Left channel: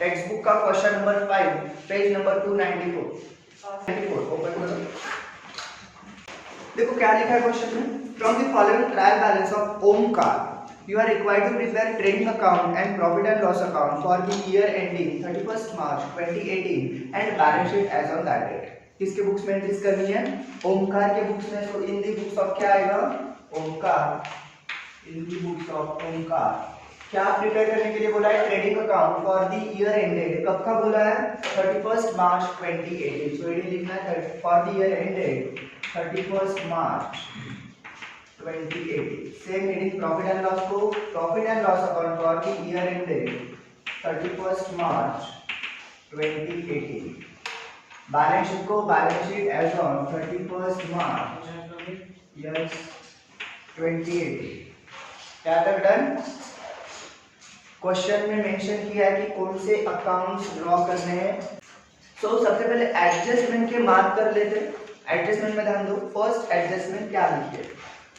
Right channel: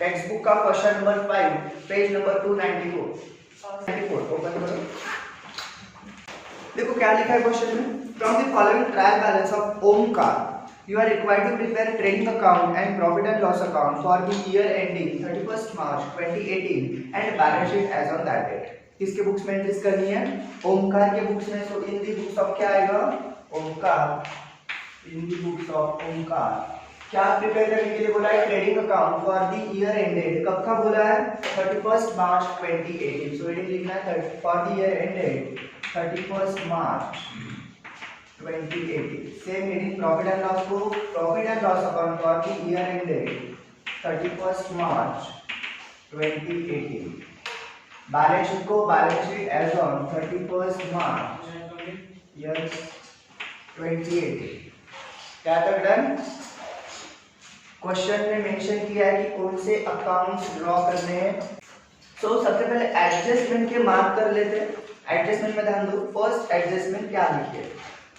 Text book का question number 5 page number 294 open करो। देखो क्या लिखा है क्वेश्चन में, from the following trial balance of Omkar you are required to prepare trading account and profit and loss account for the year ending 31st March 2018 and balance sheet as on that date। किसके books में entries करनी है? ओमकार के books में। तो इन दी books of क्या आएगा? ओमकार। इन दी books of Omkar क्या प्रिपेयर करने के लिए बोला है? Trading account for the year ended. कब का बोला है? 31st March 2018। सो ये लिखना है for the year ended 31st March 2018। Same meaning profit and loss को profit and loss account for the year ended 31st March 2018। Balance sheet को balance sheet as on 31st March year 2018। क्या तक done? Question में mention किया है कि कौन से अकाउंट्स ड्रॉ करने हैं। सो सबसे पहले एडजस्टमेंट के मार्क कर लेते हैं। एडजस्टमेंट में ध्यान दो। फर्स्ट एडजस्टमेंट क्या लिखिए?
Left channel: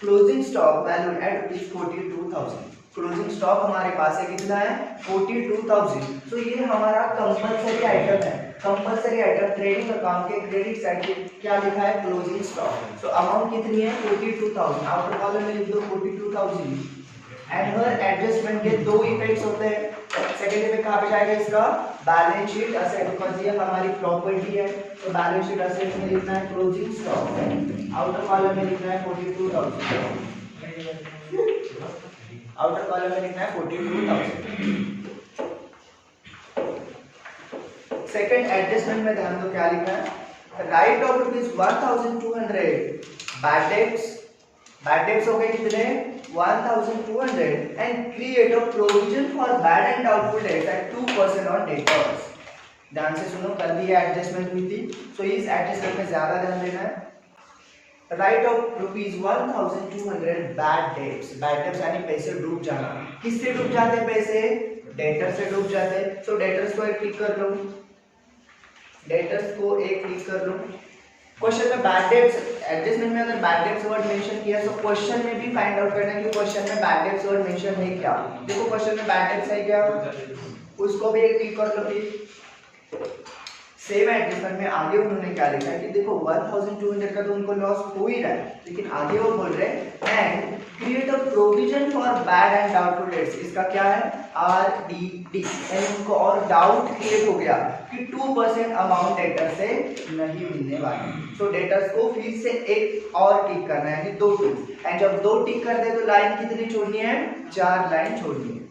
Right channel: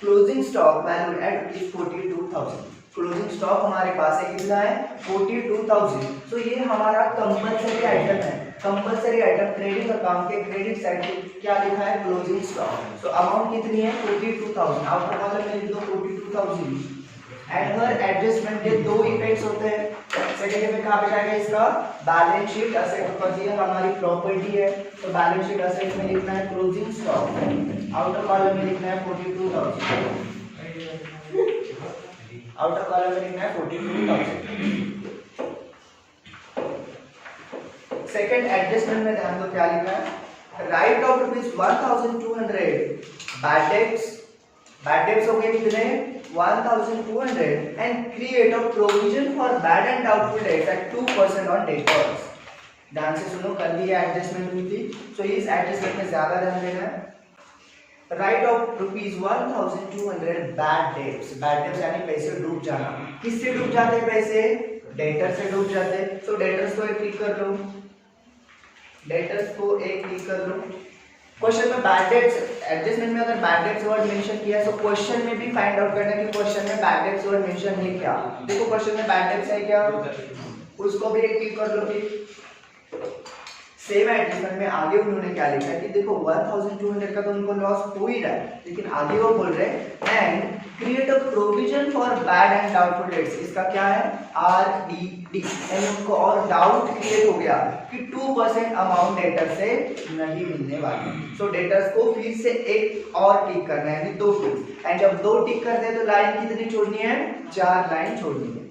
Closing stock value at rupees 42,000। Closing stock हमारे पास है कितना है? 42,000। तो ये हमारा कंपलसरी आइटम है। कंपलसरी आइटम ट्रेडिंग अकाउंट के क्रेडिट साइड पे क्या लिखा है? Closing stock. तो अमाउंट कितनी है? 42,000। आउटर कॉलम में लिख दो 42,000। एनुअल एडजस्टमेंट के दो इफेक्ट्स होते हैं। सेकंड इफेक्ट कहां पे जाएगा इसका? Balance sheet asset. बिकॉज़ ये हमारी प्रॉपर्टी है तो बैलेंस शीट असेट में लिखना है क्लोजिंग स्टॉक। आउटर कॉलम में लिखना है 42,000। आउटर कॉलम में लिखना है 42,000। सेकंड एडजस्टमेंट में ध्यान दो क्या लिखा है? Write off rupees 1,200 bad debts हो गए कितने? 1,200 and create a provision for bad and doubtful debts at 2% on debtors. ध्यान से सुनो, कल भी एडजस्टमेंट हुई थी सो इस एडजस्टमेंट में ज्यादा ध्यान देना है। Write off rupees 1,200 bad dates यानी पैसे डूब जाना। किससे डूब जाते पैसे? डेटर से डूब जाते। सो डेटर्स को एक टिक कर लो। डेटर्स को एक टिक कर लो। क्वेश्चन में बैड डेट्स एडजस्टमेंट में अगर बैड डेट्स वर्ड मेंशन किया तो क्वेश्चन में भी फाइंड आउट करना है कि क्वेश्चन में बैड डेट्स वर्ड मेंशन है क्या। देखो क्वेश्चन में बैड डेट्स है क्या, उसको भी एक टिक कर लो। सेम एडजस्टमेंट में आगे उन्होंने क्या लिखा है कि देखो 1,200 का तो उनको लॉस हो ही रहा है, लेकिन आगे वो बोल रहे हैं and create a provision for bad and doubtful dates. इसका क्या है? RDD। यानी उनको और डाउट क्रिएट हो गया कि 2% अमाउंट डेटर से नहीं मिलने वाली। सो डेटर्स को फिर से एक और टिक करना है, यानी 2 टिक। एंड जब 2 टिक करते हैं तो लाइन कितनी छोड़नी है? 4 लाइन छोड़नी है।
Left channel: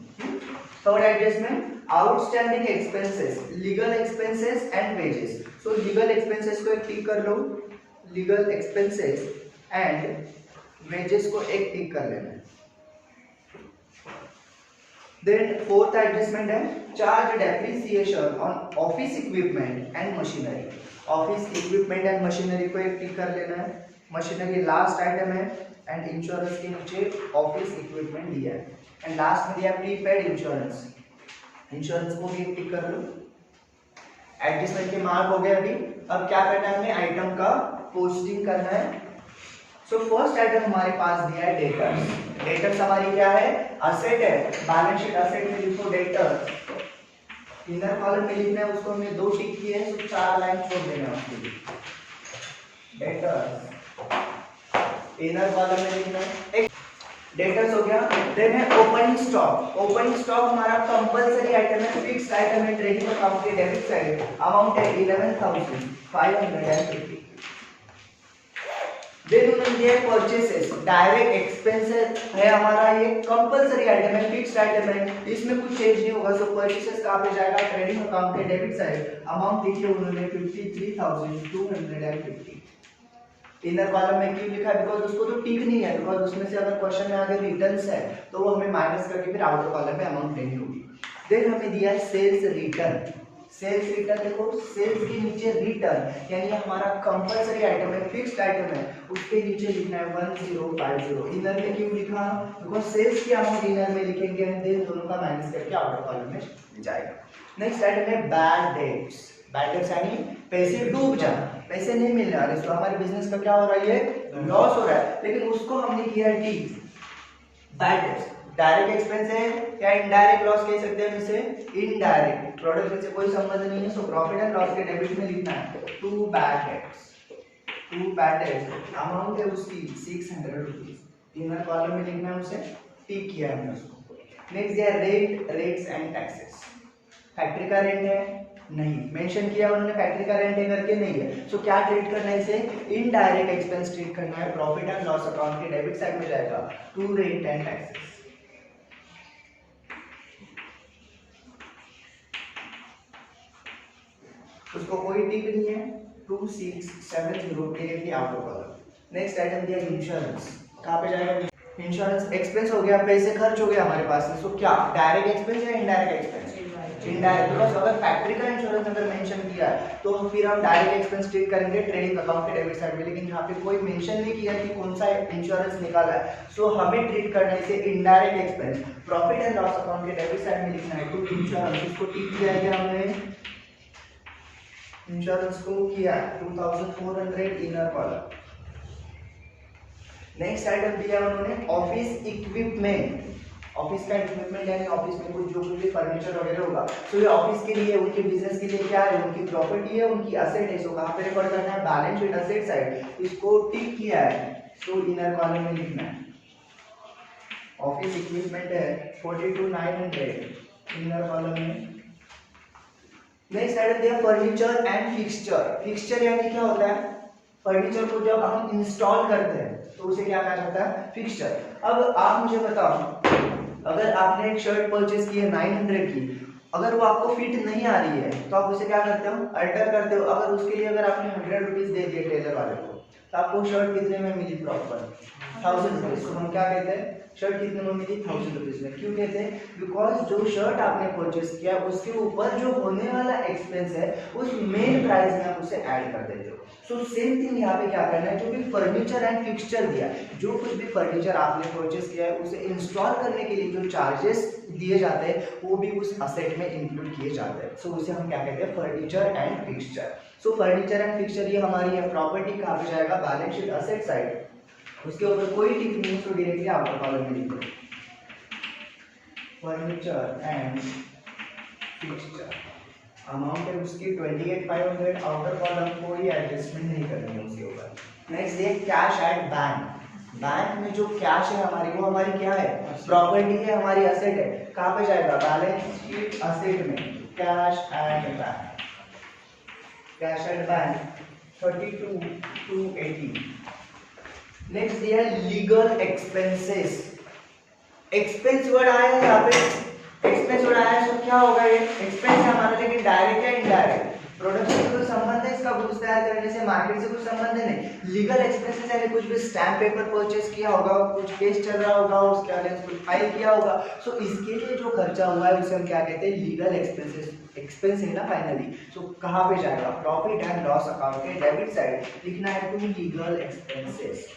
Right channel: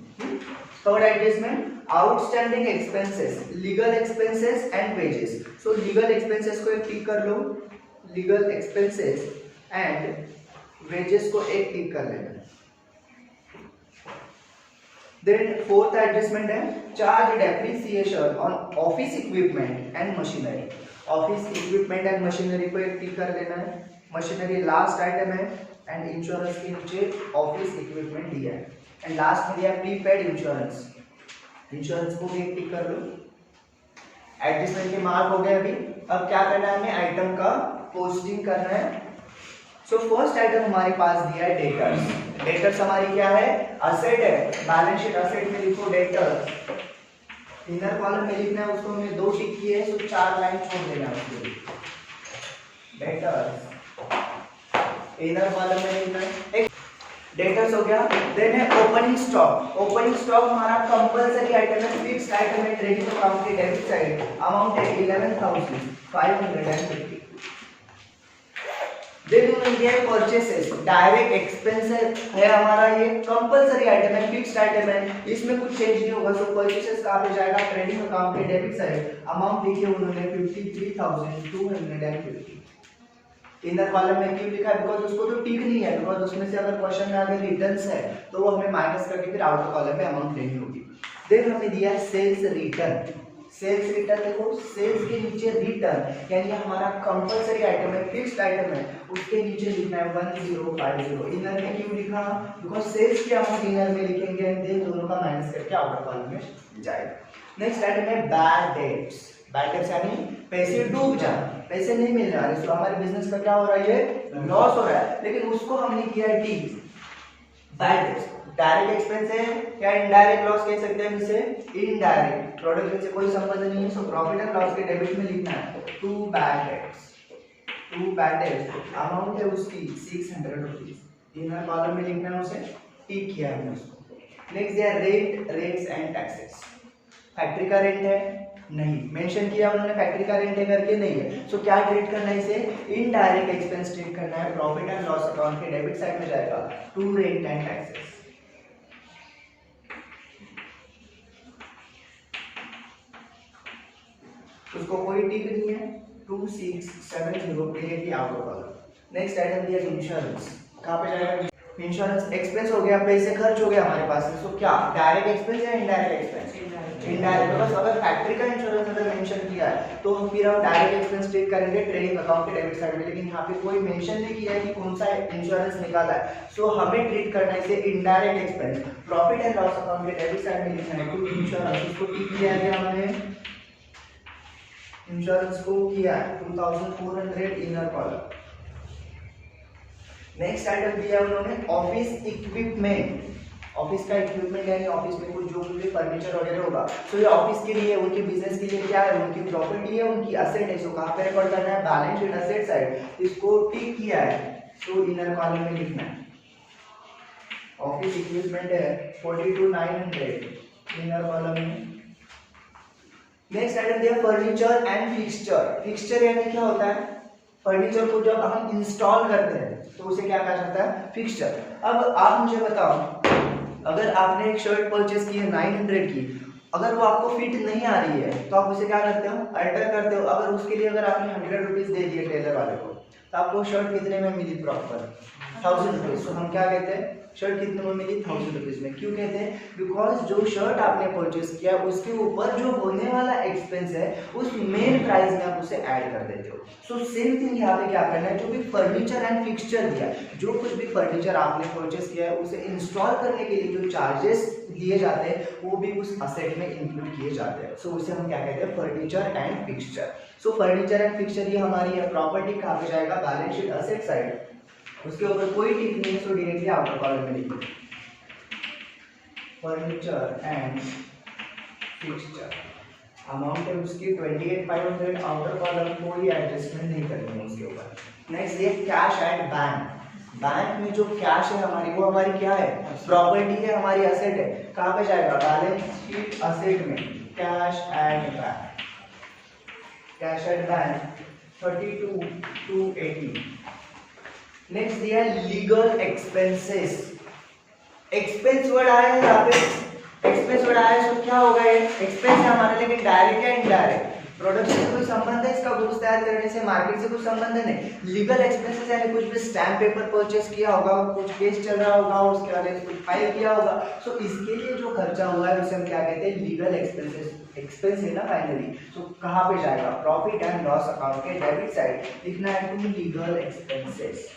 Third adjustment outstanding expenses, legal expenses and wages. So legal expenses को एक टिक कर लो। लीगल एक्सपेंसेस एंड वेजेस को एक टिक कर लेना। देन फोर्थ एडजस्टमेंट है charge depreciation on office equipment and machinery. Office equipment and machinery को एक टिक कर लेना है। मशीनरी लास्ट आइटम है एंड इंश्योरेंस के नीचे ऑफिस इक्विपमेंट दिया है एंड लास्ट में दिया प्रीपेड इंश्योरेंस। इंश्योरेंस को भी एक टिक कर लो। एडजस्टमेंट के मार्क हो गए अभी। अब क्या करना है हमें? आइटम का पोस्टिंग करना है। सो फर्स्ट आइटम हमारे पास दिया है डेटर्स। डेटर्स हमारी क्या है? असेट है। बैलेंस शीट असेट में लिखो डेटर्स। इनर कॉलम में लिखना है, उसको हमने 2 टिक किए हैं, सो 4 लाइन छोड़ देना है उसके लिए। डेटर्स इनर कॉलम में लिखना है। डेटर्स हो गया। देन है ओपनिंग स्टॉक। ओपनिंग स्टॉक हमारा कंपलसरी आइटम है, फिक्स्ड आइटम है ट्रेडिंग अकाउंट के डेबिट साइड। अमाउंट है 11,550। देन उन्होंने परचेसेस, डायरेक्ट एक्सपेंसेस है हमारा, ये कंपलसरी आइटम है, फिक्स्ड आइटम है, इसमें कुछ चेंज नहीं होगा। सो परचेसेस कहां पे जाएगा? ट्रेडिंग अकाउंट के डेबिट साइड। अमाउंट लिखिए उन्होंने 53,250। इनर कॉलम में क्यों लिखा है? बिकॉज उसको तो टिक नहीं है, बिकॉज उसमें से अगर क्वेश्चन में आगे रिटर्न्स है तो वो हमें माइनस करके फिर आउटर कॉलम में अमाउंट लेनी होगी। देन हमें दिया है सेल्स रिटर्न। सेल्स रिटर्न देखो, सेल्स के नीचे रिटर्न यानी हमारा कंपलसरी आइटम है, फिक्स्ड आइटम है, उसके नीचे लिखना है 1050। इनर में क्यों लिखा? बिकॉज सेल्स की अमाउंट इनर में लिखेंगे, देन दोनों का माइनस करके आउटर कॉलम में जाएगा। नेक्स्ट आइटम है बैड डेट्स। बैड डेट्स यानी पैसे डूब जाना, पैसे नहीं मिलने वाले। तो हमारे बिजनेस का क्या हो रहा है? ये लॉस हो रहा है, लेकिन उसको हमने किया है T bad debts. Direct expense है या इनडायरेक्ट लॉस कह सकते हैं इसे, इनडायरेक्ट, प्रोडक्ट से कोई संबंध नहीं है। सो प्रॉफिट एंड लॉस के डेबिट में लिखना है टू बैड डेट्स, अमाउंट है उसकी 600 रुपीज, इनर कॉलम में लिखना है उसे, टिक किया है हमने उसको। नेक्स्ट दिया रेट्स एंड टैक्सेस, फैक्ट्री का रेंट है नहीं मेंशन किया उन्होंने, फैक्ट्री का रेंट है करके नहीं है। सो क्या ट्रीट करना है इसे, इनडायरेक्ट एक्सपेंस ट्रीट करना है। प्रॉफिट एंड लॉस अकाउंट के डेबिट साइड में जाएगा टू रेंट एंड टैक्सेस। उसको कोई टिक नहीं है, 2670 डायरेक्टली आउट होगा। नेक्स्ट आइटम दिया इंश्योरेंस, कहाँ पे जाएगा, इंश्योरेंस एक्सपेंस हो गया, पैसे खर्च हो गया हमारे पास में। सो क्या डायरेक्ट एक्सपेंस या इनडायरेक्ट एक्सपेंस, इनडायरेक्ट, बिकॉज़ अगर फैक्ट्री का इंश्योरेंस अगर मेंशन किया है तो फिर हम डायरेक्ट एक्सपेंस ट्रीट करेंगे ट्रेडिंग अकाउंट के डेबिट साइड में, लेकिन यहाँ पे कोई मेंशन नहीं किया है कि कौन सा इंश्योरेंस निकाला है। सो हमें ट्रीट करना है इसे indirect expense. Profit and loss account के डेबिट साइड में लिखना है टू इंश्योरेंस, उसको टिक किया है हमने, इंश्योरेंस को किया 2400 इनर कॉलम। नेक्स्ट आइटम दिया उन्होंने ऑफिस इक्विपमेंट, ऑफिस का इक्विपमेंट यानी ऑफिस में कुछ जो भी फर्नीचर वगैरह होगा, तो ये ऑफिस के लिए, उनके बिजनेस के लिए क्या है, उनकी प्रॉपर्टी है, उनकी असेट है। सो कहाँ पे रिकॉर्ड करना है, बैलेंस शीट असेट साइड, इसको टिक किया है, तो इनर कॉलम में लिखना है। ऑफिस इक्विपमेंट है 42,900 इनर कॉलम में। नेक्स्ट आइटम दिया फर्नीचर एंड फिक्सचर, फिक्सचर यानी क्या होता है, फर्नीचर को जब हम इंस्टॉल करते हैं तो उसे क्या कहा जाता है, फिक्सचर। अब आप मुझे बताओ, अगर आपने एक शर्ट परचेस की है 900 की, अगर वो आपको फिट नहीं आ रही है तो आप उसे क्या करते हो, अल्टर करते हो। अगर उसके लिए अगर आपने 100 रुपीज दे दिए टेलर वाले को, तो आपको शर्ट कितने में मिली प्रॉपर, 1000 रुपीज। तो हम क्या कहते हैं, शर्ट कितने में मिली, 1000 रुपीज में। क्यों कहते हैं, बिकॉज जो शर्ट आपने परचेस किया उसके ऊपर जो होने वाला एक्सपेंस है उस मेन प्राइस में आप उसे ऐड कर देते हो। सो सेम थिंग यहाँ पे क्या करना है, जो भी फर्नीचर एंड फिक्सचर दिया, जो कुछ भी फर्नीचर आपने परचेस किया है उसे इंस्टॉल करने के लिए जो चार्जेस दिए जाते हैं वो भी उस असेट में इंक्लूड किए जाते हैं। सो उसे हम क्या कहते हैं, furniture and fixture. So furniture and fixture ये हमारी है प्रॉपर्टी, कहाँ पे जाएगा, बैलेंस शीट असेट साइड, उसके ऊपर कोई टिक नहीं है, तो डायरेक्टली आउटर कॉलम में लिखो फर्नीचर एंड फिक्सचर। अमाउंट है उसकी 28,500, आउटर कॉलम कोई एडजस्टमेंट नहीं करनी है उसके ऊपर। नेक्स्ट ये कैश एट बैंक, बैंक में जो कैश है हमारी, वो हमारी क्या है, प्रॉपर्टी है, हमारी एसेट है। कहाँ पे जाएगा, बैलेंस शीट असेट में, cash at bank, cash at bank 32,280। Next दिया लीगल एक्सपेंसेस, एक्सपेंस वर्ड आया है यहाँ पे, एक्सपेंस वर्ड आया है, तो क्या होगा ये एक्सपेंस है हमारा, लेकिन डायरेक्ट या इनडायरेक्ट, प्रोडक्ट से कोई संबंध है इसका, गुड्स तैयार करने से, मार्केट से कुछ संबंध नहीं। लीगल एक्सपेंसेस यानी कुछ भी स्टैम्प पेपर परचेस किया होगा, कुछ केस चल रहा होगा, उसके अगेंस्ट कुछ फाइल किया होगा, सो इसके लिए जो खर्चा हुआ है उसे हम क्या कहते हैं, लीगल एक्सपेंसेस। एक्सपेंस है ना फाइनली, तो कहाँ पे जाएगा, प्रॉफिट एंड लॉस अकाउंट के डेबिट साइड लिखना है to legal expenses,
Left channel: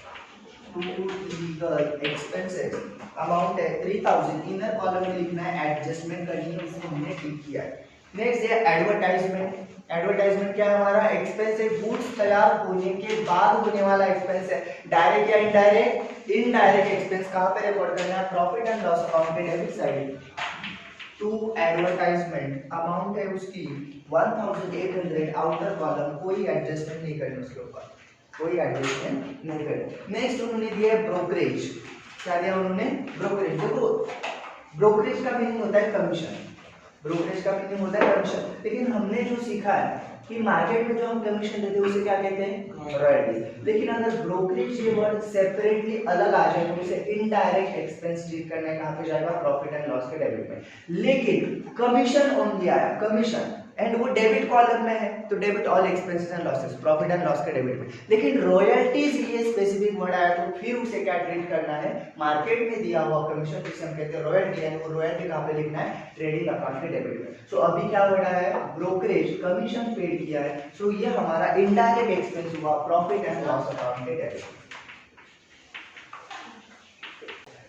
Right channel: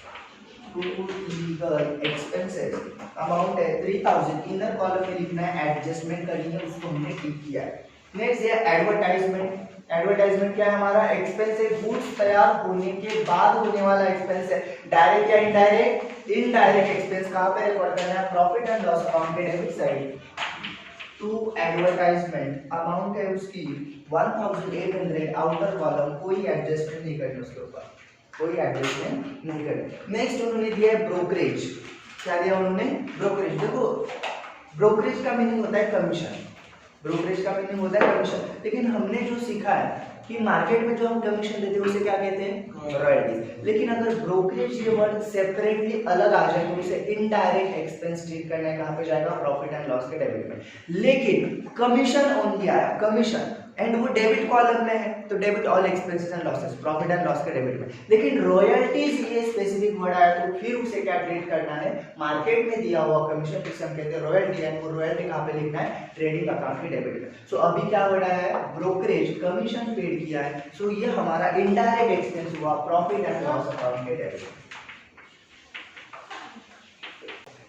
to legal expenses. Amount है 3000, इनर कॉलम में लिखना है, एडजस्टमेंट करनी है, उसको हमने टिक किया है। नेक्स्ट है एडवर्टाइजमेंट, एडवर्टाइजमेंट क्या है हमारा, एक्सपेंस है, गुड्स तैयार होने के बाद होने वाला एक्सपेंस है, डायरेक्ट या इनडायरेक्ट, इनडायरेक्ट एक्सपेंस। कहाँ पे रिकॉर्ड करना है, प्रॉफिट एंड लॉस अकाउंट पे debit side to advertisement. Amount है उसकी 1800, आउटर कॉलम कोई एडजस्टमेंट नहीं करनी उसके ऊपर, कोई एडजस्टमेंट नहीं करनी। नेक्स्ट उन्होंने दिया है ब्रोकरेज, क्या दिया उन्होंने, ब्रोकरेज। देखो ब्रोकरेज का मीनिंग होता है कमीशन, ब्रोकरेज का मीनिंग होता है कमीशन, लेकिन हमने जो सीखा है कि मार्केट में जो हम कमीशन देते हैं उसे क्या कहते हैं, रॉयल्टीज। लेकिन अगर ब्रोकरेज ये वर्ड सेपरेटली अलग आ जाए तो उसे इनडायरेक्ट एक्सपेंस ट्रीट करना है, कहाँ पे जाएगा, प्रॉफिट एंड लॉस के डेबिट में। लेकिन कमीशन ओनली आया, कमीशन एंड वो डेबिट कॉलम में है, तो debit all expenses and losses, profit and loss के डेबिट में। लेकिन रॉयल्टीज ये स्पेसिफिक वर्ड आया तो फिर उसे क्या ट्रीट करना है, मार्केट में दिया हुआ कमीशन जिसे हम कहते हैं रॉयल्टी, एंड वो रॉयल्टी कहाँ पे लिखना है, ट्रेडिंग अकाउंट के डेबिट में। सो अभी क्या वर्ड आया है, ब्रोकरेज, कमीशन पेड किया है, सो ये हमारा इनडायरेक्ट एक्सपेंस हुआ, प्रॉफिट एंड लॉस अकाउंट के डेबिट।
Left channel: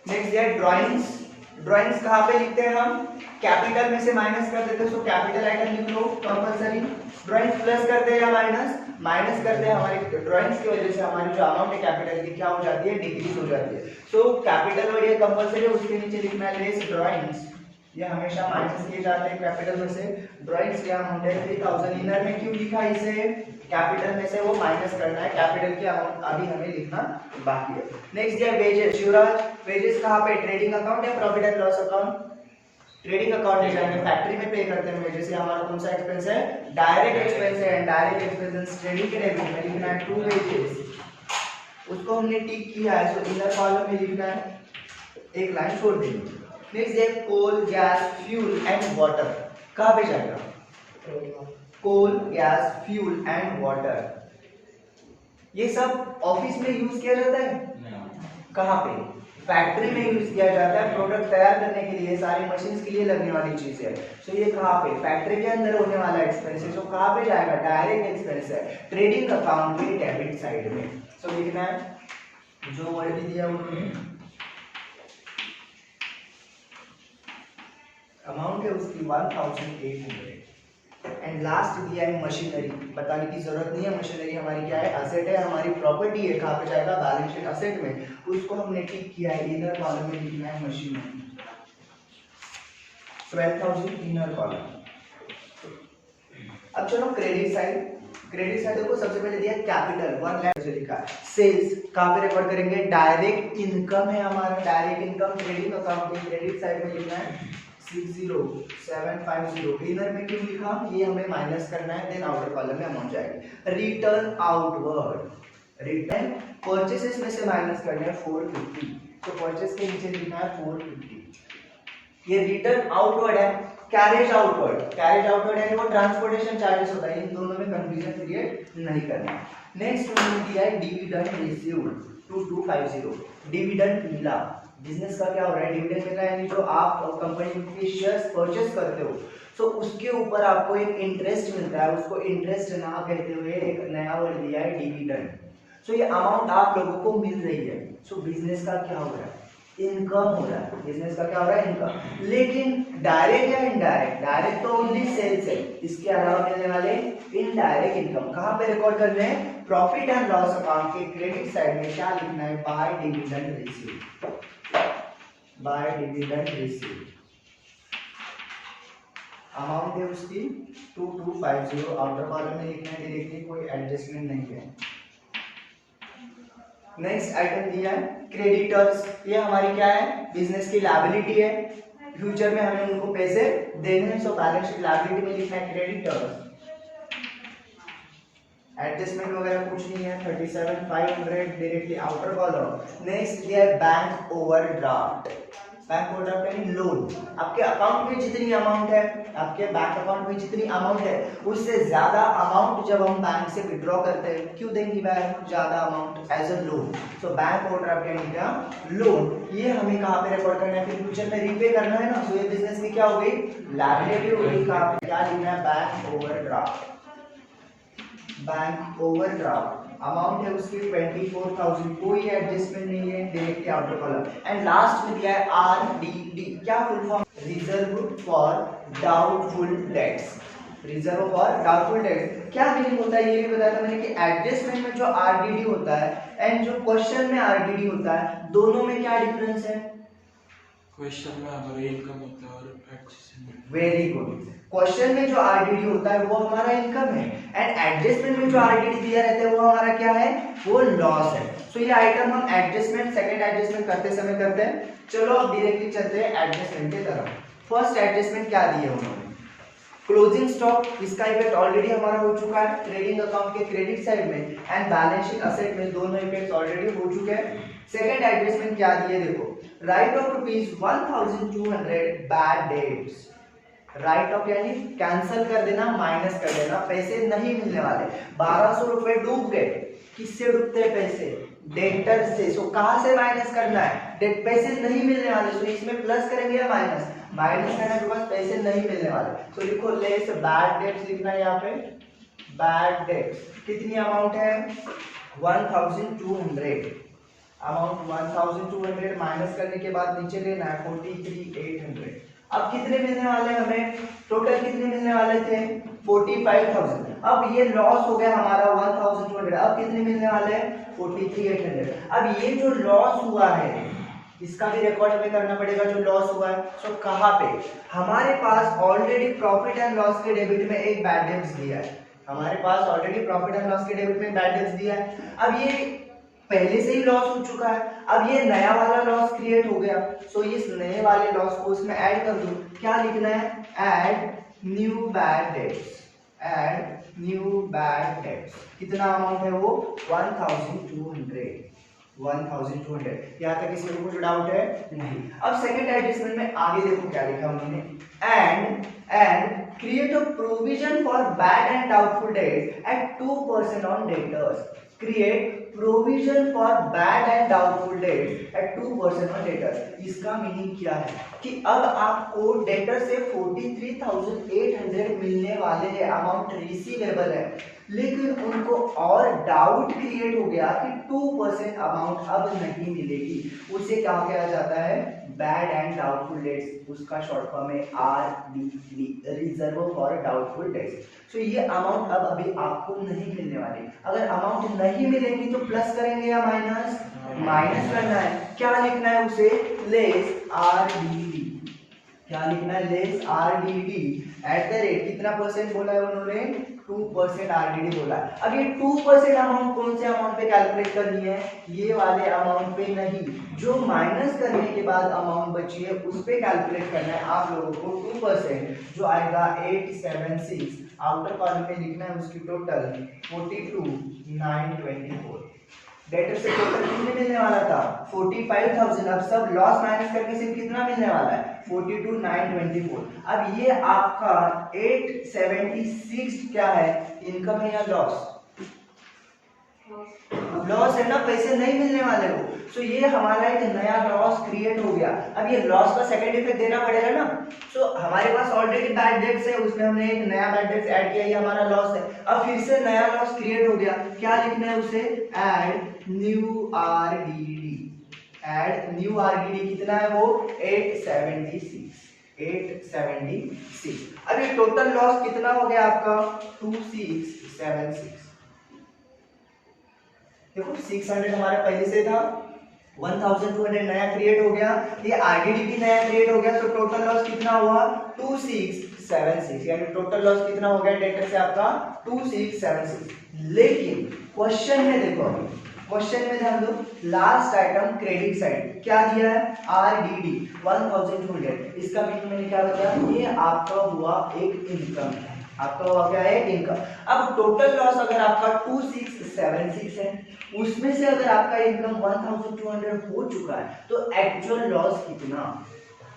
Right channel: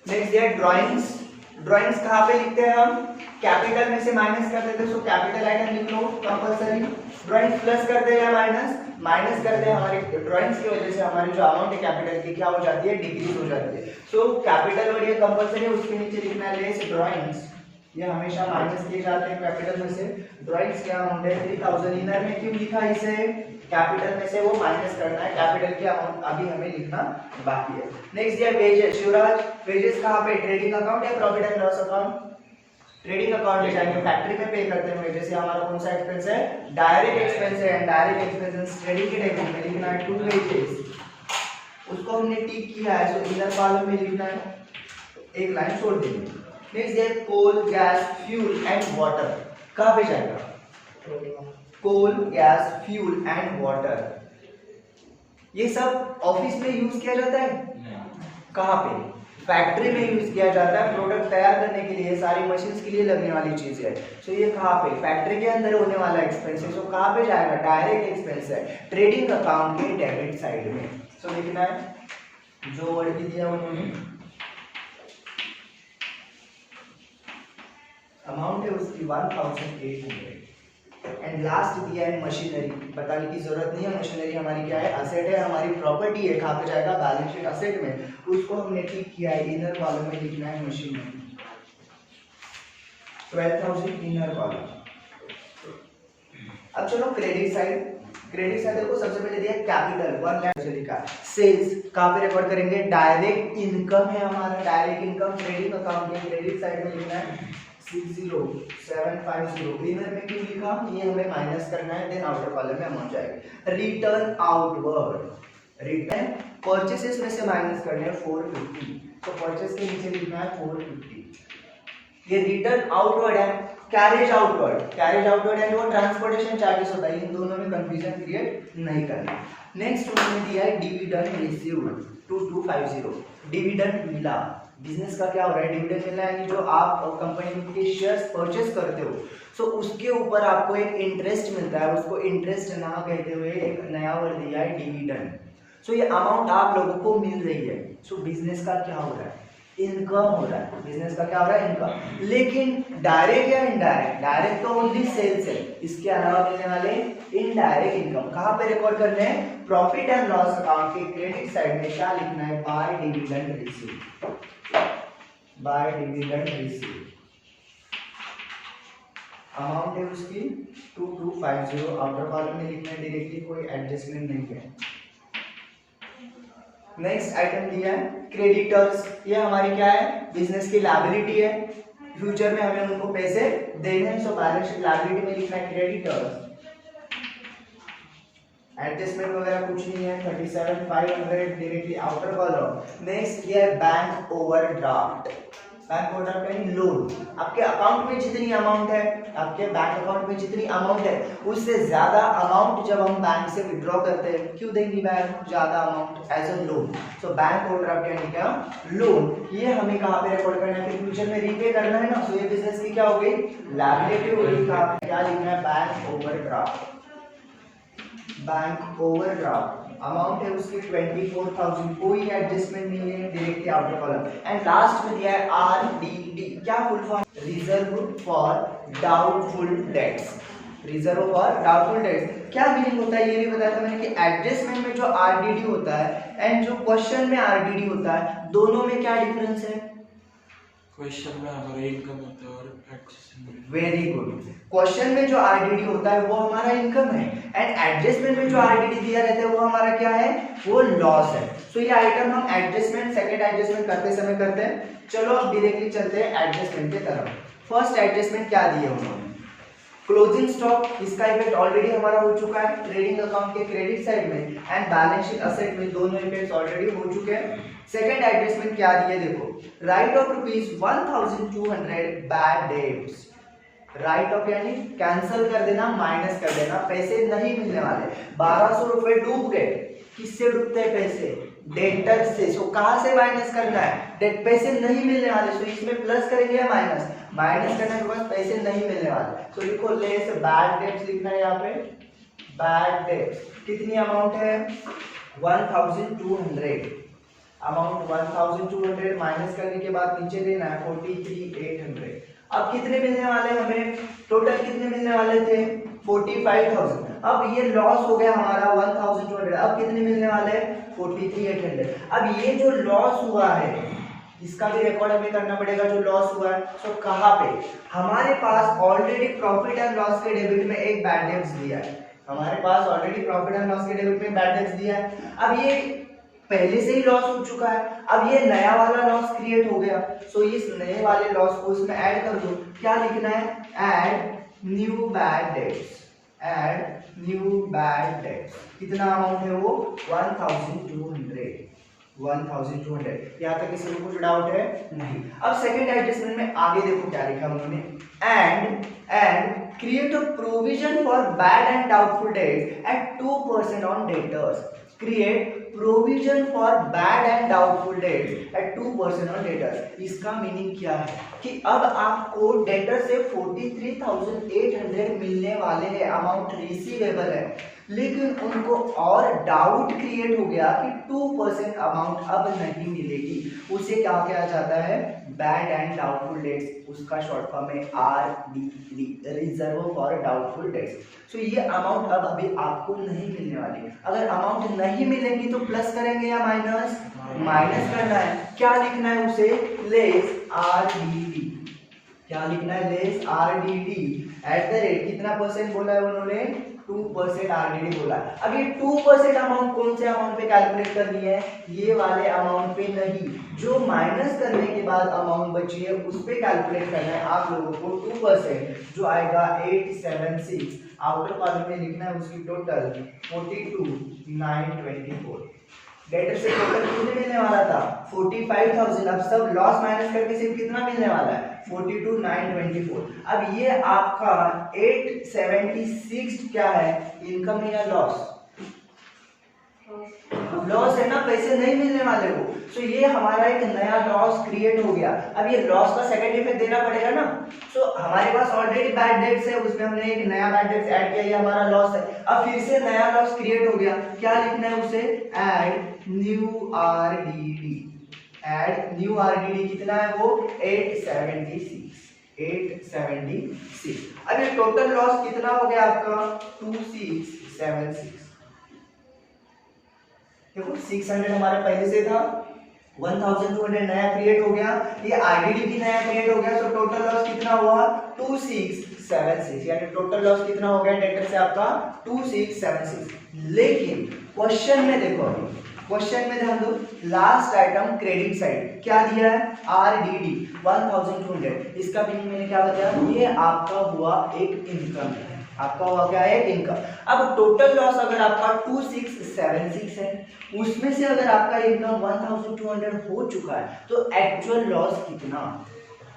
नेक्स्ट है ड्राइंग्स, ड्राइंग्स कहाँ पे लिखते हैं हम, कैपिटल में से माइनस कर देते हैं, सो कैपिटल आइटम लिख लो कंपलसरी, ड्राइंग्स प्लस कर दे या माइनस, माइनस कर दे, हमारी ड्राइंग्स की वजह से हमारी जो अमाउंट है कैपिटल की क्या हो जाती है, डिक्रीज हो जाती है। सो कैपिटल वर्ड ये कंपलसरी है, उसके नीचे लिखना है लेस ड्राइंग्स, ये हमेशा माइनस किए जाते हैं कैपिटल में से। ड्राइंग्स क्या अमाउंट है 3000, इनर में क्यों लिखा है इसे, कैपिटल में से वो माइनस करना है, कैपिटल की अमाउंट अभी हमें लिखना बाकी है। नेक्स्ट दिया वेजेस, शिवराज वेजेस कहाँ पे, ट्रेडिंग अकाउंट या profit and loss account, trading account ले जाएंगे, फैक्ट्री में पे करते हैं वेजेस, हमारा कौन सा एक्सपेंस है, डायरेक्ट एक्सपेंस है, एंड डायरेक्ट एक्सपेंस ट्रेडिंग के डेबिट में लिखना है टू वेजेस, उसको हमने टिक किया है, सो इनर कॉलम में लिखना है, एक लाइन छोड़ देंगे। नेक्स्ट है coal gas fuel and water, कहाँ पे जाएगा, coal gas fuel and water, ये सब ऑफिस में यूज किया जाता है, कहाँ पे, फैक्ट्री में यूज किया जाता है, प्रोडक्ट तैयार करने के लिए, सारी मशीन्स के लिए लगने वाली चीज है। सो ये कहाँ पे, फैक्ट्री के अंदर होने वाला एक्सपेंस है, सो कहाँ पे जाएगा, डायरेक्ट एक्सपेंस है, ट्रेडिंग अकाउंट के डेबिट साइड में। सो लिखना है जो वर्ड भी दिया उन्होंने, अमाउंट है उसकी 1800, एंड लास्ट दिया है मशीनरी, बताने की जरूरत नहीं है, मशीनरी हमारी क्या है, असेट है, हमारी प्रॉपर्टी है, कहाँ पे जाएगा, बैलेंस शीट असेट में, उसको हमने ठीक किया है, इनर कॉलम में लिखना है मशीनरी, 12000 इनर कॉलम। अब चलो क्रेडिट साइड, क्रेडिट साइड देखो सबसे पहले दिया कैपिटल 1 लाख से लिखा है, सेल्स कहाँ पे रिकॉर्ड करेंगे, डायरेक्ट इनकम है हमारा, डायरेक्ट इनकम ट्रेडिंग अकाउंट के क्रेडिट साइड में लिखना है 60750, इनर में क्यों लिखा, ये हमें माइनस करना है, देन आउटर कॉलम में अमाउंट जाएगी। रिटर्न आउटवर्ड, रिटर्न परचेसेस में से माइनस करना है 450, तो परचेस के नीचे लिखना है 450, ये रिटर्न आउटवर्ड है, कैरेज आउटवर्ड, कैरेज आउटवर्ड यानी वो ट्रांसपोर्टेशन चार्जेस होता है, इन दोनों में कंफ्यूजन क्रिएट नहीं करना। नेक्स्ट उन्होंने दिया है डिविडेंड रिसीव्ड 2250, डिविडेंड मिला, बिजनेस का क्या हो रहा है, डिविडेंड मिल रहा है, यानी जो आप कंपनी के शेयर्स परचेस करते हो, सो उसके ऊपर आपको एक इंटरेस्ट मिलता है, उसको इंटरेस्ट ना कहते हुए एक नया वर्ड दिया है डिविडेंड। सो ये अमाउंट आप लोगों को मिल रही है, सो बिजनेस का क्या हो रहा है, इनकम हो रहा है, बिजनेस का क्या हो रहा है, इनकम। लेकिन डायरेक्ट या इनडायरेक्ट, डायरेक्ट तो ओनली सेल्स है, इसके अलावा मिलने वाले इनडायरेक्ट इनकम कहाँ पे रिकॉर्ड करने हैं, प्रॉफिट एंड लॉस अकाउंट के क्रेडिट साइड में क्या लिखना है, by dividend received, by dividend received, amount है उसकी 2250, आउटर कॉलम में लिखना है डायरेक्टली, कोई एडजस्टमेंट नहीं है। नेक्स्ट आइटम दिया है क्रेडिटर्स, ये हमारी क्या है, बिजनेस की लायबिलिटी है, फ्यूचर में हमें उनको पैसे देने हैं, सो बैलेंस शीट लायबिलिटी में लिखना है क्रेडिटर्स, एडजस्टमेंट वगैरह कुछ नहीं है, 37500 डायरेक्टली आउटर कॉलम। नेक्स्ट ये बैंक ओवरड्राफ्ट, बैंक ओवरड्राफ्ट यानी लोन, आपके अकाउंट में जितनी अमाउंट है, आपके बैंक अकाउंट में जितनी अमाउंट है, उससे ज्यादा अमाउंट जब हम बैंक से विड्रॉ करते हैं, क्यों देंगी बैंक ज्यादा amount, as a loan. So bank overdraft यानी क्या, लोन, ये हमें कहाँ पे रिकॉर्ड करना है, फिर फ्यूचर में रीपे करना है ना, सो ये बिजनेस की क्या हो गई, लायबिलिटी हो गई, क्या लिखना है, bank overdraft, bank overdraft, amount है उसकी 24000, कोई एडजस्टमेंट नहीं है, directly outer column. And last में दिया है आरडीडी, क्या full form, reserve for doubtful debts, reserve for doubtful debts, क्या मीनिंग होता है ये भी बताया था मैंने कि एडजस्टमेंट में जो आरडीडी होता है एंड जो क्वेश्चन में आरडीडी होता है, दोनों में क्या डिफरेंस है, क्वेश्चन में अगर इनकम होता है और एडजस्टमेंट, वेरी गुड, क्वेश्चन में जो आरडीडी होता है वो हमारा इनकम है, एंड एडजस्टमेंट में जो आरडीडी दिया रहता है वो हमारा क्या है, वो लॉस है। सो ये आइटम हम एडजस्टमेंट, सेकंड एडजस्टमेंट करते समय करते हैं। चलो अब डायरेक्टली चलते हैं एडजस्टमेंट की तरफ। फर्स्ट एडजस्टमेंट क्या दिया उन्होंने, क्लोजिंग स्टॉक, इसका इफेक्ट ऑलरेडी हमारा हो चुका है ट्रेडिंग अकाउंट के क्रेडिट साइड में, एंड बैलेंस शीट असेट में, दोनों इफेक्ट्स ऑलरेडी हो चुके हैं। सेकंड एडजस्टमेंट क्या दिया, देखो right of ₹1200 bad debts, right of यानी कैंसिल कर देना, माइनस कर देना, पैसे नहीं मिलने वाले, 1200 रुपए डूब गए, किससे डूबते हैं पैसे, डेटर से, सो कहां से माइनस करना है, डेट पैसे नहीं मिलने वाले, सो इसमें प्लस करेंगे या माइनस, माइनस करने के बाद पैसे नहीं मिलने वाले, सो लिखो लेस बैड डेट्स लिखना है यहाँ पे, बैड डेट्स, कितनी अमाउंट है 1200, अमाउंट 1200 माइनस करने के बाद नीचे लेना है 43800। अब कितने मिलने वाले हमें, टोटल कितने मिलने वाले थे 45000, अब ये लॉस हो गया हमारा 1200, अब कितने मिलने वाले हैं 43,800। अब ये जो लॉस हुआ है इसका भी रिकॉर्ड हमें करना पड़ेगा, जो लॉस हुआ है। सो कहाँ पे हमारे पास ऑलरेडी प्रॉफिट एंड लॉस के डेबिट में एक बैड डेब्ट्स दिया है, हमारे पास ऑलरेडी प्रॉफिट एंड लॉस के डेबिट में बैड डेब्ट्स दिया है। अब ये पहले से ही लॉस हो चुका है, अब ये नया वाला लॉस क्रिएट हो गया। सो इस नए वाले लॉस को इसमें ऐड कर दो। क्या लिखना है, add new bad debts, add new bad debts. कितना अमाउंट है वो 1200, 1200। यहाँ तक किसी को कुछ डाउट है नहीं। अब सेकंड एडजस्टमेंट में आगे देखो क्या लिखा उन्होंने, and create a provision for bad and doubtful debt at 2% on debtors. Create provision for bad and doubtful debt at 2% on debtors. इसका मीनिंग क्या है कि अब आपको डेटर से 43,800 मिलने वाले हैं, अमाउंट रिसीवेबल है, लेकिन उनको और डाउट क्रिएट हो गया कि 2% अमाउंट अब नहीं मिलेगी। उसे क्या किया जाता है, बैड एंड डाउटफुल डेट्स, उसका शॉर्ट फॉर्म है RDD, reserve for doubtful debts. तो ये अमाउंट अब अभी आपको नहीं मिलने वाली। अगर अमाउंट नहीं मिलेगी तो प्लस करेंगे या माइनस, माइनस करना है। क्या लिखना है उसे, लेस RDD। क्या लिखना है, less RDD at the rate, कितना परसेंट बोला है उन्होंने, 2% RDD बोला। अब ये 2% अमाउंट कौन से अमाउंट पे कैलकुलेट करनी है, ये वाले अमाउंट पे नहीं, जो माइनस करने के बाद अमाउंट बची है उस पे कैलकुलेट करना है आप लोगों को। 2% जो आएगा 876, आउटर कॉलम में लिखना है उसकी टोटल 42,924। डेटर से टोटल कितने मिलने वाला था 45,000, अब सब लॉस माइनस करके सिर्फ कितना मिलने वाला है 42,924। अब ये आपका 876 क्या है, इनकम है या लॉस, लॉस है ना, पैसे नहीं मिलने वाले वो। सो ये हमारा एक नया लॉस क्रिएट हो गया। अब ये लॉस का सेकंड इफेक्ट देना पड़ेगा ना। सो हमारे पास ऑलरेडी बैड डेट्स है, उसमें हमने एक नया बैड डेट्स ऐड किया, ये हमारा लॉस है। अब फिर से नया लॉस क्रिएट हो गया, क्या लिखना है उसे, add new RDD, add new RDD। कितना है वो 876, 876। अब ये टोटल लॉस कितना हो गया आपका 2676। देखो 600 हमारा पहले से था, 1200 नया क्रिएट हो गया, ये RDD भी नया क्रिएट हो गया। तो टोटल लॉस कितना हुआ 2676, यानी टोटल लॉस कितना हो गया डेटर से आपका 2676। लेकिन क्वेश्चन में देखो, अभी क्वेश्चन में ध्यान दो, लास्ट आइटम क्रेडिट साइड क्या दिया है RDD 1200। इसका मीनिंग मैंने क्या बताया, ये आपका हुआ एक इनकम है, आपका हुआ क्या है इनकम। अब टोटल लॉस अगर आपका 2676 है, उसमें से अगर आपका इनकम 1200 हो चुका है, तो एक्चुअल लॉस कितना,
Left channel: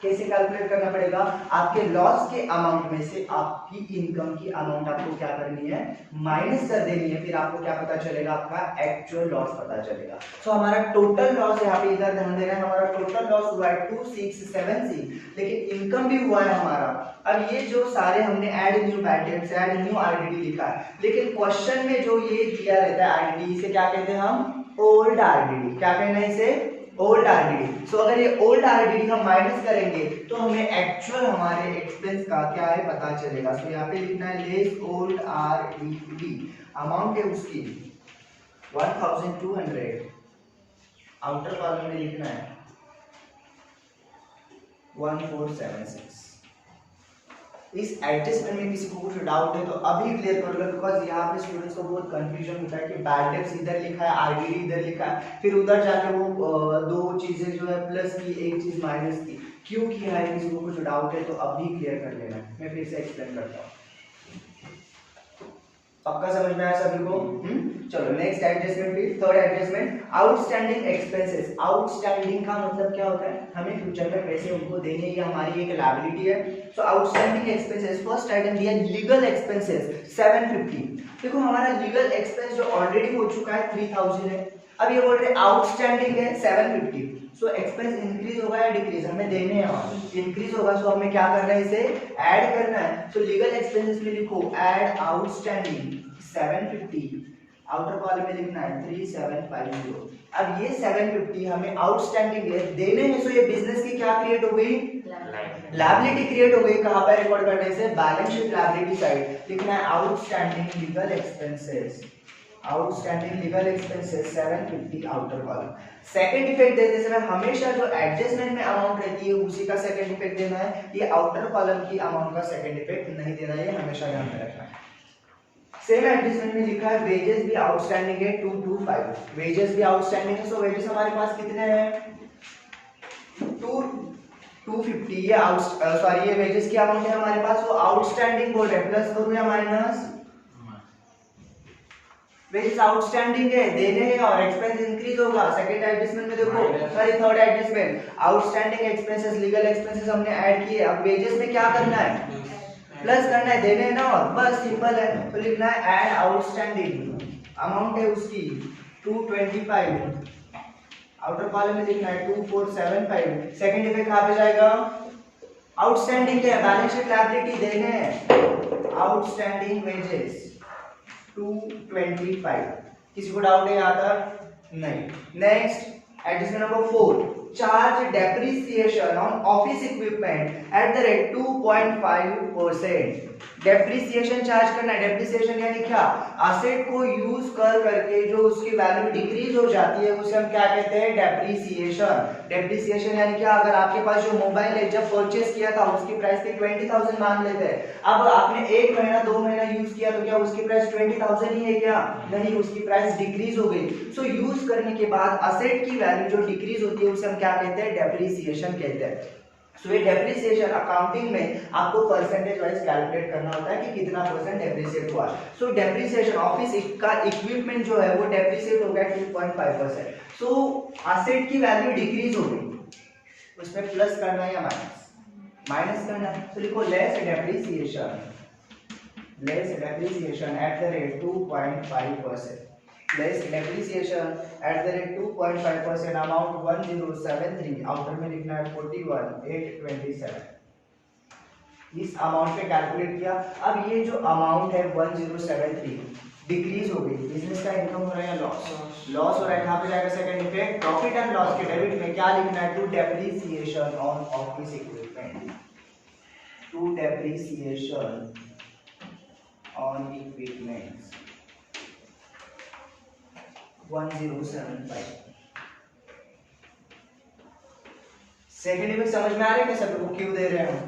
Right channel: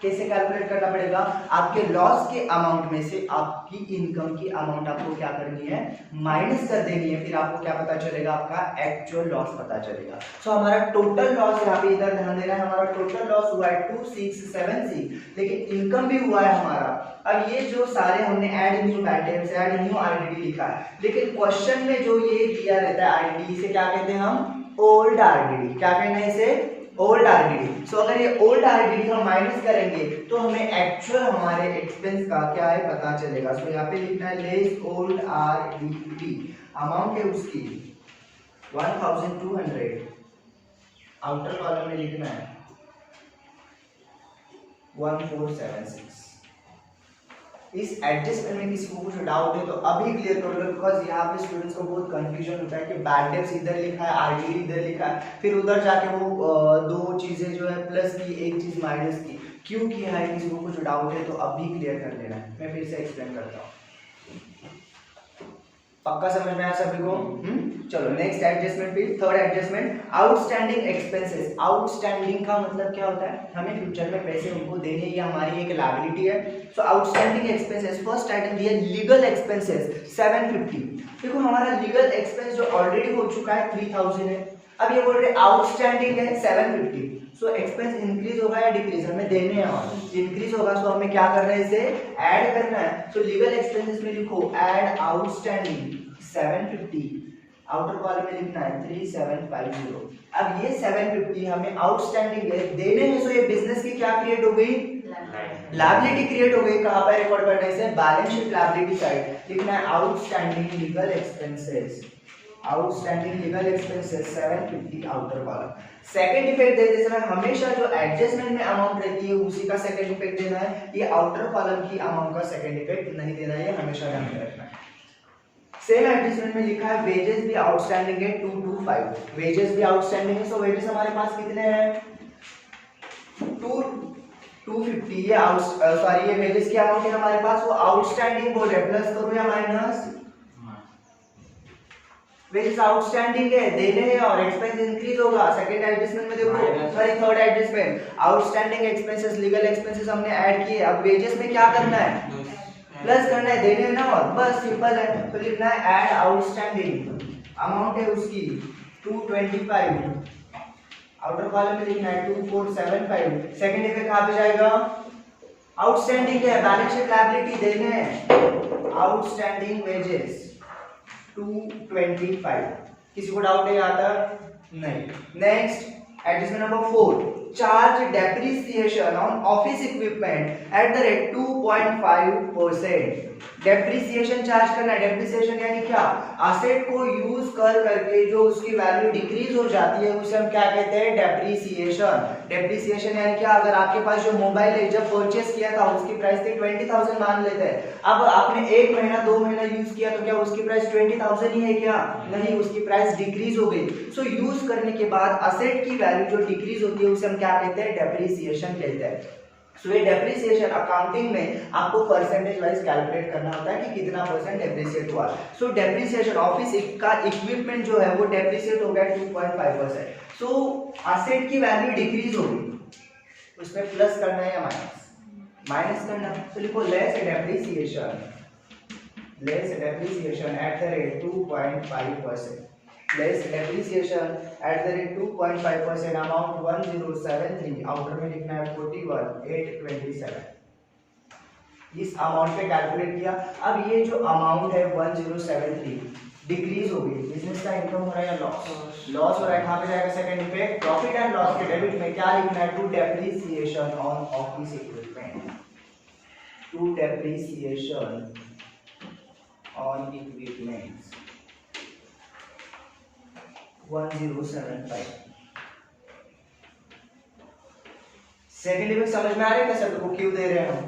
कैसे कैलकुलेट करना पड़ेगा, आपके लॉस के अमाउंट में से आपकी इनकम की अमाउंट आपको क्या करनी है, माइनस कर देनी है। फिर आपको क्या पता चलेगा, आपका एक्चुअल लॉस पता चलेगा। सो हमारा टोटल लॉस यहाँ पे इधर ध्यान देना है, हमारा टोटल लॉस हुआ है 2676, लेकिन इनकम भी हुआ है हमारा। अब ये जो सारे हमने add new bad debts, add new RDD लिखा है, लेकिन क्वेश्चन में जो ये दिया रहता है RDD, इसे क्या कहते हैं हम, ओल्ड RDD। क्या कहना है इसे, ओल्ड RDD। सो अगर ये ओल्ड RDD हम माइनस करेंगे तो हमें एक्चुअल हमारे एक्सपेंस का क्या है पता चलेगा। सो यहाँ पे लिखना है लेस ओल्ड RDD, अमाउंट है उसकी 1200, आउटर कॉलम में लिखना है 1476। इस एडजस्टमेंट में किसी को कुछ डाउट है तो अभी क्लियर कर लो, बिकॉज यहाँ पे स्टूडेंट्स को बहुत कंफ्यूजन होता है कि बैड डेट्स इधर लिखा है, RDD इधर लिखा है, फिर उधर जाके वो दो चीजें जो है प्लस की, एक चीज माइनस की, क्यों किया है, किसी को कुछ डाउट है तो अभी क्लियर कर लेना। मैं फिर से एक्सप्लेन करता हूँ, पक्का समझ में आया सभी को। चलो नेक्स्ट एडजस्टमेंट पे, third adjustment, outstanding expenses. Outstanding का मतलब क्या होता है, हमें फ्यूचर में पैसे उनको देने, ये हमारी एक लायबिलिटी है। सो आउटस्टैंडिंग एक्सपेंसेस, फर्स्ट आइटम दिया लीगल एक्सपेंसेस 750। देखो हमारा लीगल एक्सपेंस जो ऑलरेडी हो चुका है 3000 है, अब ये बोल रहे आउटस्टैंडिंग है 750। सो एक्सपेंस इंक्रीज होगा या डिक्रीज, हमें देने हैं, इंक्रीज होगा। सो हमें क्या करना है, इसे ऐड करना है। सो लीगल एक्सपेंसेस में लिखो ऐड आउटस्टैंडिंग 750, आउटर कॉलम में लिखना है 3750। अब ये 750 हमें आउटस्टैंडिंग है, देने में। सो ये बिजनेस की क्या क्रिएट हो गई, लायबिलिटी क्रिएट हो गई, कहाँ पर रिकॉर्ड करना है इसे, बैलेंस शीट लायबिलिटी साइड लिखना है outstanding legal expenses, outstanding legal expenses 750 outer column. Second effect देते समय हमेशा जो एडजस्टमेंट में अमाउंट रहती है उसी का सेकंड इफेक्ट देना है, ये आउटर कॉलम की अमाउंट का सेकंड इफेक्ट नहीं देना है, ये हमेशा ध्यान में रखना है। सेम एडजस्टमेंट में लिखा है वेजेस भी आउटस्टैंडिंग है 225, वेजेस भी आउटस्टैंडिंग है, सो वेजेस हमारे पास कितने हैं 250, ये सॉरी ये वेजेस की अमाउंट है हमारे पास, वो आउटस्टैंडिंग बोल रहे, प्लस करूं या माइनस, वेजेस आउटस्टैंडिंग है देने हैं और एक्सपेंस इंक्रीज होगा। सेकंड एडजस्टमेंट में देखो, sorry third adjustment outstanding expenses legal expenses हमने ऐड किए, अब वेजेस में क्या करना है प्लस करना है, देने ना, और बस सिंपल है, तो लिखना है ऐड आउटस्टैंडिंग, अमाउंट है उसकी 225, आउटर कॉलम में लिखना है 2475, सेकंड इफेक्ट कहां पे जाएगा, आउटस्टैंडिंग है, बैलेंस शीट लायबिलिटी देने हैं, आउटस्टैंडिंग वेजेस 225, किसी को डाउट है यहाँ तक, नहीं। Next adjustment number 4, charge depreciation on office equipment at the rate 2.5%, depreciation charge करना है, डेप्रिसिएशन यानी क्या, असेट को यूज कर करके जो उसकी वैल्यू डिक्रीज हो जाती है उसे हम क्या कहते हैं डेप्रिसिएशन। डेप्रिसिएशन यानी क्या, अगर आपके पास जो मोबाइल है जब परचेस किया था उसकी प्राइस थी 20,000 मान लेते हैं, अब आपने 1 महीना 2 महीना यूज किया तो क्या उसकी प्राइस 20,000 ही है क्या, नहीं, उसकी प्राइस डिक्रीज हो गई। सो यूज करने के बाद असेट की वैल्यू जो डिक्रीज होती है उसे हम क्या कहते हैं डेप्रिसिएशन कहते हैं। सो ये डेप्रिसिएशन अकाउंटिंग में आपको परसेंटेज वाइज कैलकुलेट करना होता है कि कितना परसेंट डेप्रिसिएट हुआ। सो डेप्रिसिएशन ऑफिस का इक्विपमेंट जो है वो डेप्रिसिएट हो गया 2.5%। सो असेट की वैल्यू डिक्रीज हो गई, उसमें प्लस करना है या माइनस, माइनस करना है, तो लिखो less depreciation at the rate 2.5%, less depreciation at the rate 2.5%, amount 1073, outer में लिखना है 41,827, इस अमाउंट पे कैलकुलेट किया। अब ये जो अमाउंट है 1073 डिक्रीज हो गई, बिजनेस का इनकम हो रहा है या लॉस, लॉस हो रहा है, कहाँ पे जाएगा second effect, profit and loss के डेबिट में क्या लिखना है, to depreciation on office equipment, to depreciation on equipments 1075। Second effect समझ में आ रहा है कैसे को क्यों दे रहे हैं हम।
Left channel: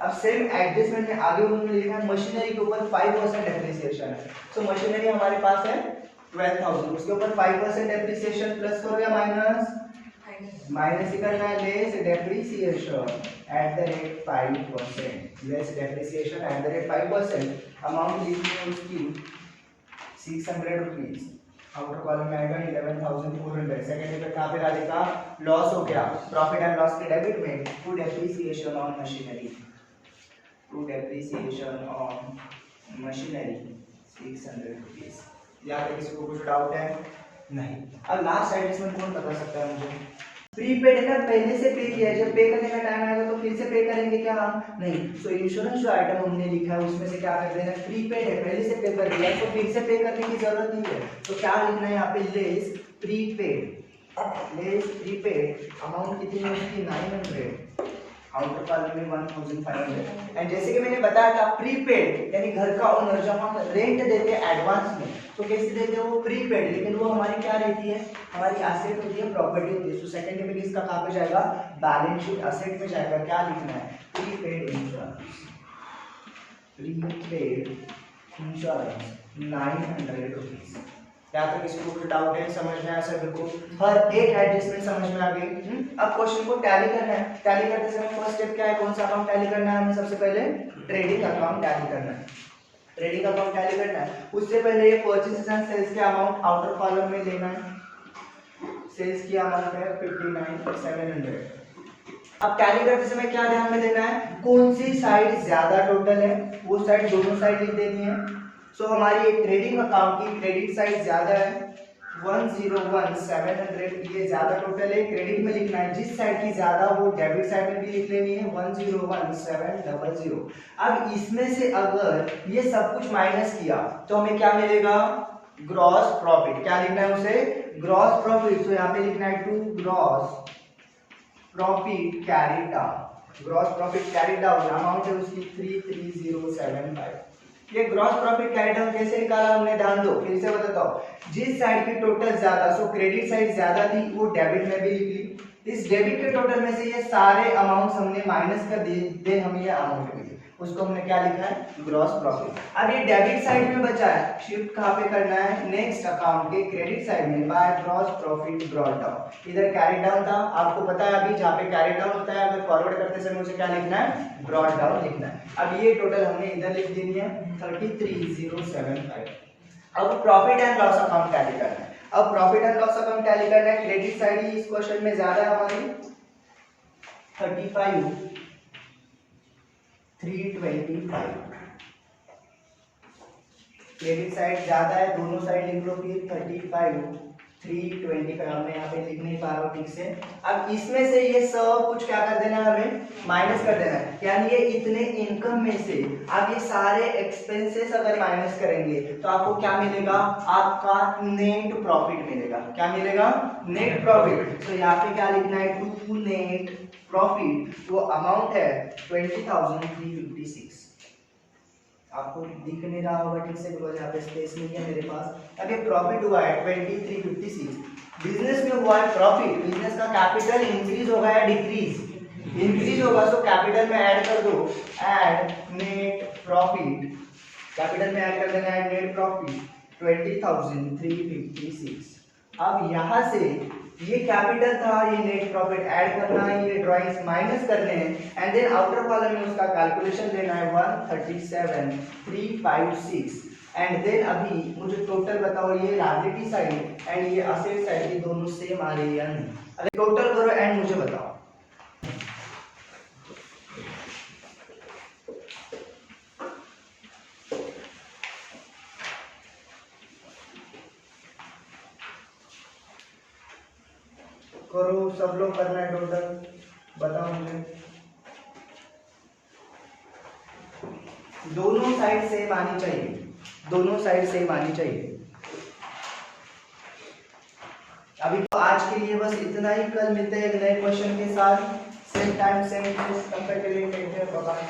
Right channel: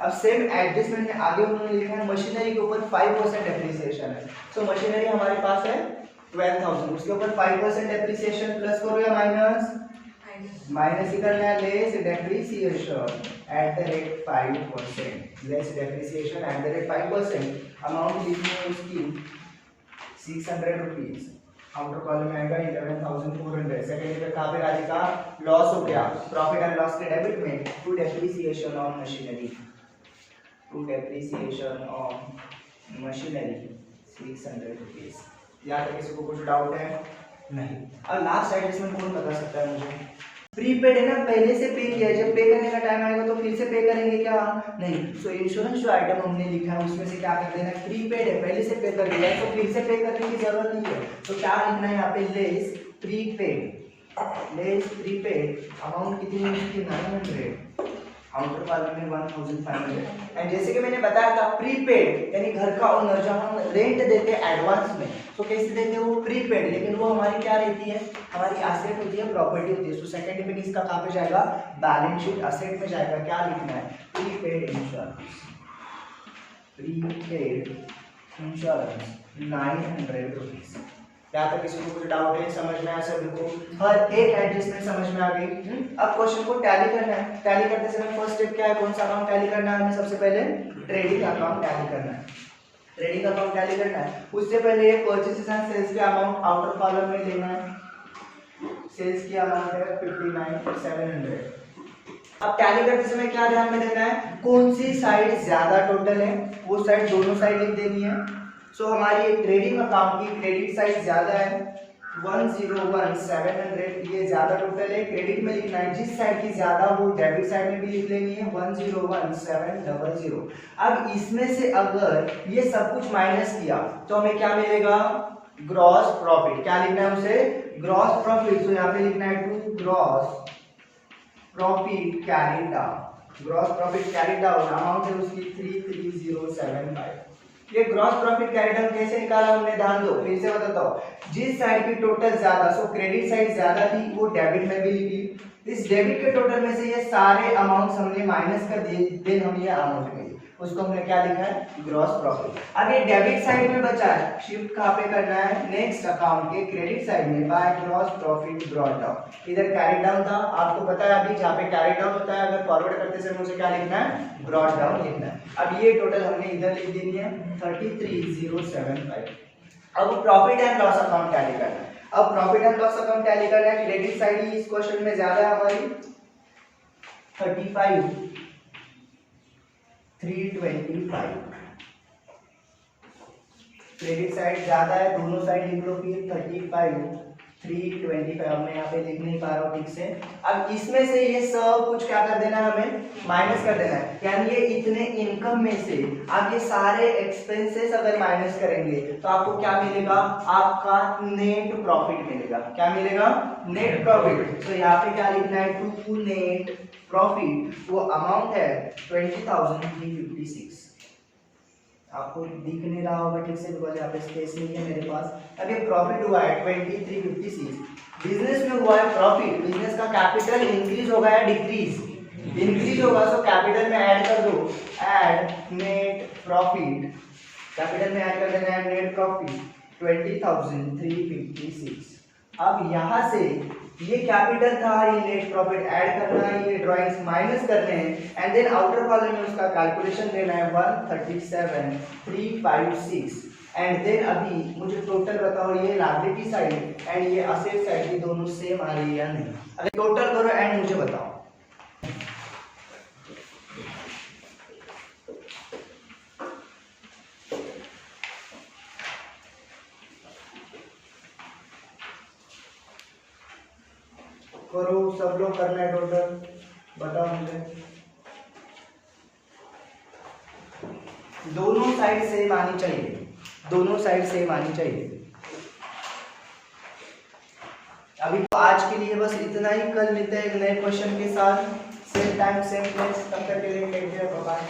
अब सेम एडजस्टमेंट में आगे उन्होंने लिखा है मशीनरी के ऊपर 5% डेप्रिसिएशन है, सो मशीनरी हमारे पास है 12,000, उसके ऊपर 5% डेप्रिसिएशन, प्लस करो या माइनस, माइनस ही करना है, less depreciation at the rate 5%, less depreciation at the rate 5%, amount लिखनी है उसकी 600 रुपीज, आउटर कॉलम में आएगा 11,400, सेकंड इफेक्ट कहाँ पे राजेगा, लॉस हो गया, प्रॉफिट एंड लॉस के डेबिट में to depreciation on machinery, to depreciation on machinery 600 rupees. यहाँ पे किसी को कुछ डाउट है, नहीं। अब लास्ट एडजस्टमेंट कौन बता सकता है मुझे, प्रीपेड है ना, पहले से पे किया है, जब पे करने का टाइम आएगा तो फिर से पे करेंगे क्या, नहीं। सो इंश्योरेंस जो आइटम हमने लिखा है उसमें से क्या कर देना है, प्रीपेड है, पहले से पे कर दिया है तो फिर से पे करने की जरूरत नहीं है, तो क्या लिखना है यहाँ पे, less prepaid, less prepaid, amount कितनी है उसकी 900, आउटर कॉलम में 1,500। एंड जैसे कि मैंने बताया था प्रीपेड यानी घर का ओनर जब हम रेंट देते हैं एडवांस में तो कैसे देते हैं, वो प्रीपेड, लेकिन वो हमारी क्या रहती है, हमारी एसेट होती है, प्रॉपर्टी होती है। सो सेकंड इफेक्ट इसका कहाँ पे जाएगा, बैलेंस शीट असेट में जाएगा, क्या लिखना है, prepaid insurance, prepaid insurance 900 rupees. यहाँ तक किसी को कुछ डाउट है, समझ में आया सभी को, हर एक एडजस्टमेंट समझ में आ गई। अब क्वेश्चन को टैली करना है, टैली करते समय फर्स्ट स्टेप क्या है, कौन सा अकाउंट टैली करना है, हमें सबसे पहले ट्रेडिंग अकाउंट टैली करना है, ट्रेडिंग अकाउंट टैली करना है। उससे पहले ये परचेसेस एंड सेल्स के अमाउंट आउटर कॉलम में लेना है, सेल्स की अमाउंट है 59,700। अब टैली करते समय क्या ध्यान में देना है, कौन सी साइड ज्यादा टोटल है, वो साइड दोनों साइड लिख देनी है। सो हमारी ट्रेडिंग अकाउंट की क्रेडिट साइड ज्यादा है 101,700, ये ज्यादा टोटल है, क्रेडिट में लिखना है, जिस साइड की ज्यादा वो डेबिट साइड में भी लिख लेनी है 101,700। अब इसमें से अगर ये सब कुछ माइनस किया तो हमें क्या मिलेगा, ग्रॉस प्रॉफिट, क्या लिखना है उसे, ग्रॉस प्रॉफिट। तो यहाँ पे लिखना है to gross profit carried out, gross profit carry down amount है उसकी 33075। ये ग्रॉस प्रॉफिट कैरी डाउन कैसे निकाला हमने, ध्यान दो, फिर से बताता हूँ। जिस साइड की टोटल ज्यादा, सो क्रेडिट साइड ज्यादा थी, वो डेबिट में भी लिख ली। इस डेबिट के टोटल में से ये सारे अमाउंट्स हमने माइनस कर दिए, देन हमें ये अमाउंट मिली, उसको हमने क्या लिखा है, ग्रॉस प्रॉफिट। अब ये डेबिट साइड में बचा है, शिफ्ट कहाँ पे करना है, नेक्स्ट अकाउंट के क्रेडिट साइड में, by gross profit brought down. इधर कैरी डाउन था, आपको पता है अभी जहाँ पे कैरी डाउन होता है, अगर फॉरवर्ड करते समय मुझे क्या लिखना है, ब्रॉट डाउन लिखना है। अब ये टोटल हमने इधर लिख देनी है 33075। अब profit and loss account tally करना है। अब profit and loss account tally करना है, क्रेडिट साइड ही इस क्वेश्चन में ज्यादा है हमारी 325, क्रेडिट साइड ज्यादा है, दोनों साइड लिख लो फिर 35 325। अब मैं यहाँ पे लिख नहीं पा रहा हूँ ठीक से। अब इसमें से ये सब कुछ क्या कर देना है, हमें माइनस कर देना है, यानी ये इतने इनकम में से आप ये सारे एक्सपेंसेस अगर माइनस करेंगे तो आपको क्या मिलेगा, आपका नेट प्रॉफिट मिलेगा। क्या मिलेगा, नेट प्रॉफिट। तो यहाँ पे क्या लिखना है, टू नेट प्रॉफिट, वो अमाउंट है 20,356। आपको दिख नहीं रहा होगा ठीक से, बिकॉज यहाँ पे स्पेस नहीं है मेरे पास। अभी प्रॉफिट हुआ है 2356, बिजनेस में हुआ है प्रॉफिट। बिजनेस का कैपिटल इंक्रीज होगा या डिक्रीज, इंक्रीज होगा, तो कैपिटल में ऐड कर दो, ऐड नेट प्रॉफिट, कैपिटल में ऐड कर देना है नेट प्रॉफिट 20,356। अब यहाँ से ये कैपिटल था, ये नेट प्रॉफिट ऐड करना है, ये ड्राइंग्स माइनस करने हैं, एंड देन आउटर कॉलम में उसका कैलकुलेशन देना है 137,356। एंड देन अभी मुझे टोटल बताओ, ये लायबिलिटी साइड एंड ये असेट साइड की दोनों सेम आ रही है या नहीं। अगर टोटल करो एंड मुझे बताओ। करो, सब लोग करना है टोटल, बताओ मुझे। दोनों साइड सेम आनी चाहिए, दोनों साइड सेम आनी चाहिए। अभी तो आज के लिए बस इतना ही, कल मिलते हैं एक नए क्वेश्चन के साथ, सेम टाइम सेम प्लेस। तब तक के लिए टेक केयर, बाय बाय।